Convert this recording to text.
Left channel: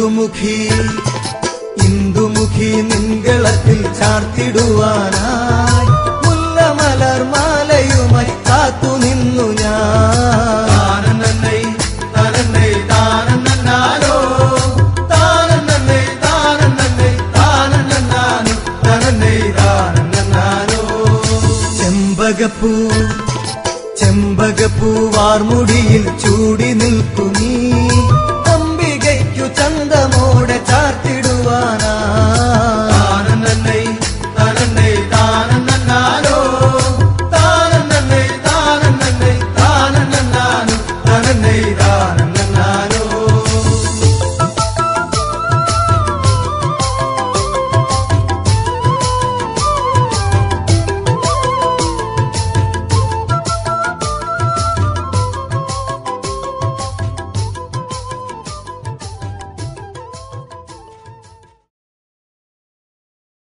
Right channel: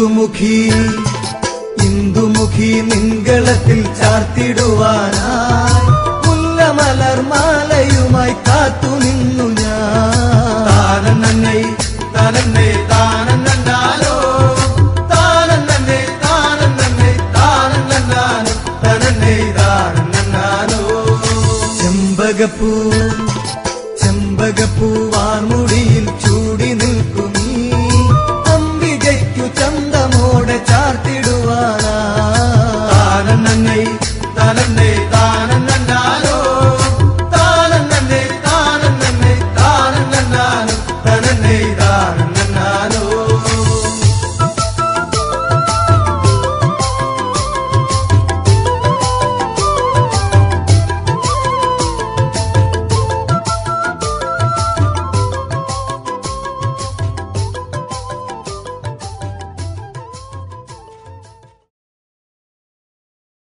ഇന്ദുമുഖി ഇന്ദുമുഖി നിങ്കളത്തിൽ ചാർത്തിടുവാനായി മുല്ല മലർമാലയുമായി കാത്തു നിന്നു ഞാൻ. താനെന്നെ ചെമ്പകപ്പൂ വാർമു